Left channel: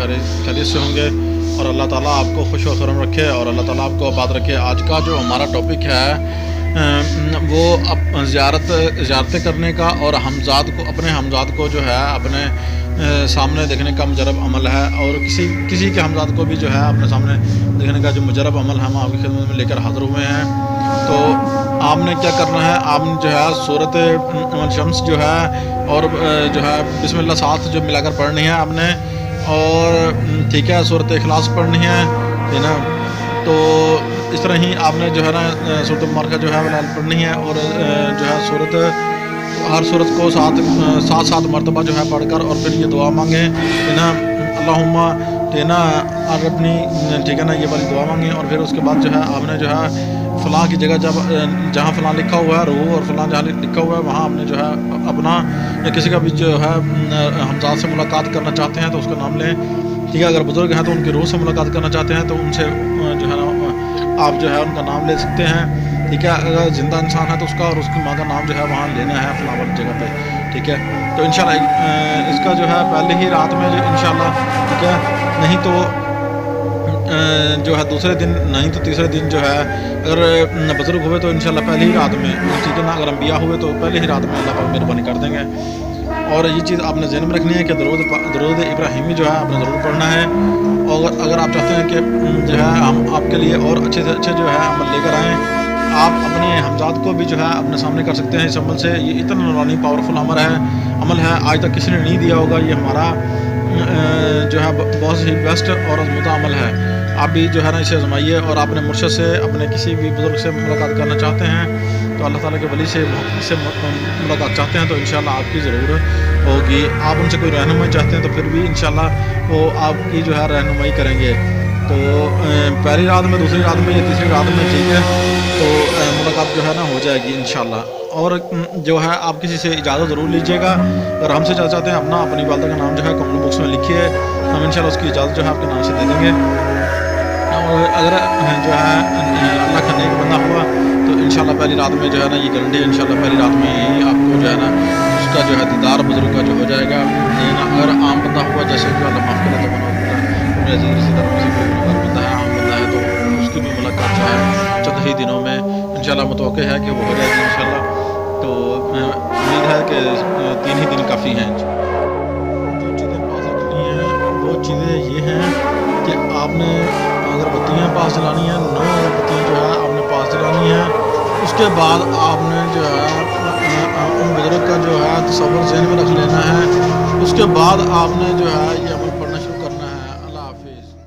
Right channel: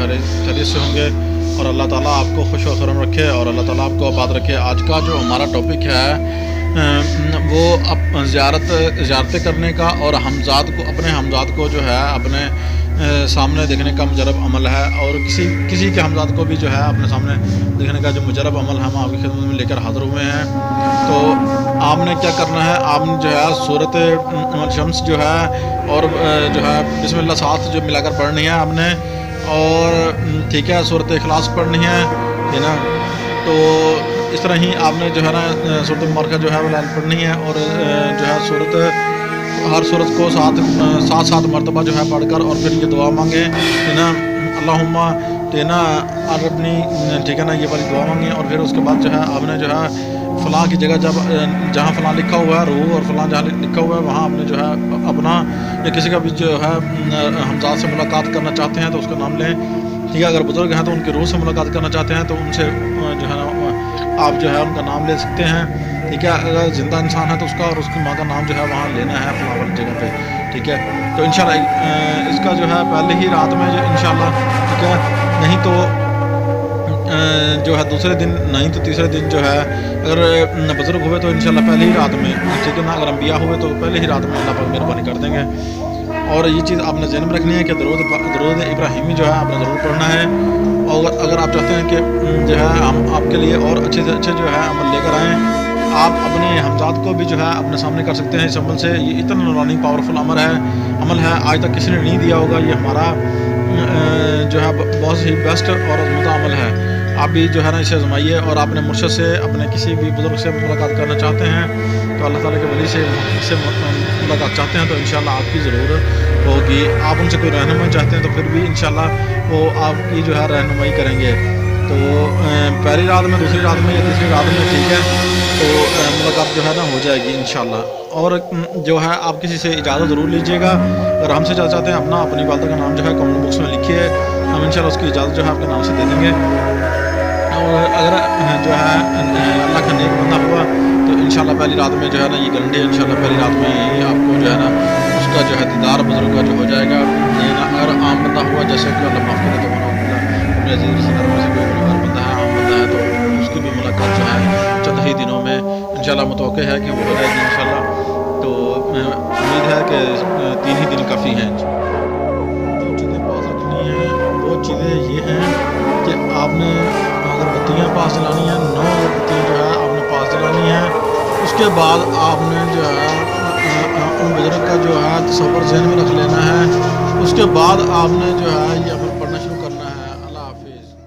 खैरियत से होंगे और अल्लाह ताला आपको खुश व खुर्रम रखे और अल्लाह ताला आपको आबाद रखे। आज का जो हमारा टॉपिक है वो अब ज़ियारतें करने का और अपने हमज़ाद को जो है अपने सामने देखने का मुजरब अमल है, और किसी के हमज़ाद को भी जो है अपने सामने देखने का जो मुजरब अमल है हम आपकी खिदमत में लेकर हाज़िर हुए हैं। तो आपने क्या करना है, आपने जो है सूरत शम्स जो है और जो है बिस्मिल्लाह साथ जो मिलाकर पढ़नी है आपने, और ठीक है सूरत इखलास पढ़नी है, ठीक ना। तो इस तरह ही आपने जो है ना सूरत मुबारका जो है वलाल पढ़नी है, और जो है हर सूरत को सात मरतबा जो है पढ़कर और फिर ये दुआ मांगे, ठीक ना, अल्लाहुम्मा, ठीक ना, अरबनी, ठीक है ना, ये वाली दुआ मांगे। और फिर उसके बाद जो है आपने जो है फ़लाँ की जगह जहाँ फ़लाँ लिखा हुआ है रूह और फ़लाँ जहाँ लिखा हुआ है वहाँ आपने जो है अपना या किसी का भी जो है हमज़ाद से मुलाकात करना चाहते हैं तो उसका नाम लें, ठीक है। अगर बुज़ुर्ग हैं तो उनकी रूह से मुलाकात करना चाहते हैं तो उनसे जो है ना आप जो है उनका नाम ले सकते हैं, ठीक है। अगर ज़िंदा इंसान है तो उसका और उसकी माँ का नाम जो है वहाँ लेना है फ़लाँ वाली जगह पे, ठीक है। तो इंशाल्लाह इसका जो है पहले ही रात में जो इंशाल्लाह, ठीक है, नहीं तो जो है दूसरे दिन, नहीं तो तीसरे दिन जो है अगर बुज़ुर्ग हुए तो इंशाल्लाह पहले ही रात में, ठीक है ना। अगर अम्बिया हुए तो पहले ही रात में अल्लाह पाक मेहरबानी कर देंगे। और ये चीज़ आपने ज़हन में रखनी है कि दरूद इब्राहिमी जो है आपने ज़रूर पढ़ना है। और अगर आप चाहते हैं कि जो है हम आपके लिए और अच्छे से अच्छे जो है अमल लेकर आएँ, आप अपने हमज़ाद को भी जो है अपने सामने कर सकते हैं इस अमल से। ये इतना नूरानी पावरफुल अमल है, आज तक किसी ने नहीं दिया होगा। ये हमारा जो है बहुत ही बेस्ट और आज़मूदा अमल है। आप भी जो है ना इसे आजमाइए, और अपने मुर्शद से, अपने किसी भी बुज़ुर्ग से मुलाकात करना चाहते हैं तो अल्लाह ताला के वली से मुलाकात चाहते हैं तो इंशाल्लाह आपकी ज़रूर होगी। आप उनसे कोई रहनुमाई चाहते हैं तो फिर भी इंशाल्लाह वो आपकी जो है रहनुमाई करेंगे। तो पहली रात में, दूसरी रात में या तीसरी रात में, ठीक है, तो मुलाकात जो है ना हो जाएगी इंशाल्लाह। और जो है आप किसी से इजाज़त ज़रूर लीजिएगा। अगर हमसे इजाज़त चाहते हैं अपनी वालदा का नाम जो है कमेंट बॉक्स में लिखिए, हम इंशाल्लाह उसकी इजाज़त जो है आपके नाम से दे देंगे। और अगर जो है अल्लाह का नेक बंदा हुआ तो इंशाल्लाह पहली रात में जो है ना ये गारंटी है, इंशाल्लाह पहली रात में ही आपको जो है ना उसका जो है दीदार बुज़ुर्ग का जो हो जाएगा, ये ना। अगर आम बंदा हुआ, जैसे कि अल्लाह माफ़ करे तो वनाउज़ुबिल्लाह अपने अजीज़ रिश्तेदारों में से कोई गुनहगार बंदा है, आम बंदा है, तो उसकी भी मुलाकात जो है चंद ही दिनों में इंशाल्लाह मुतवक्किल है कि वो हो जाएगी इंशाल्लाह। तो उम्मीद है कि 3 ही दिन काफ़ी हैं। जो चीज़ें पास रखनी हैं वो चीज़ें ये हैं कि आपने अगरबत्तियाँ पास जलानी हैं, 9 अगरबत्तियाँ जो है आपने पास जलानी हैं। उसके बाद आपने जो है उन बुज़ुर्ग का जो है तसव्वुर ज़हन में रख लेना है। उसके बाद आपने जो है ये अमल पढ़ना शुरू करना है। अल्लाह हाफिज़।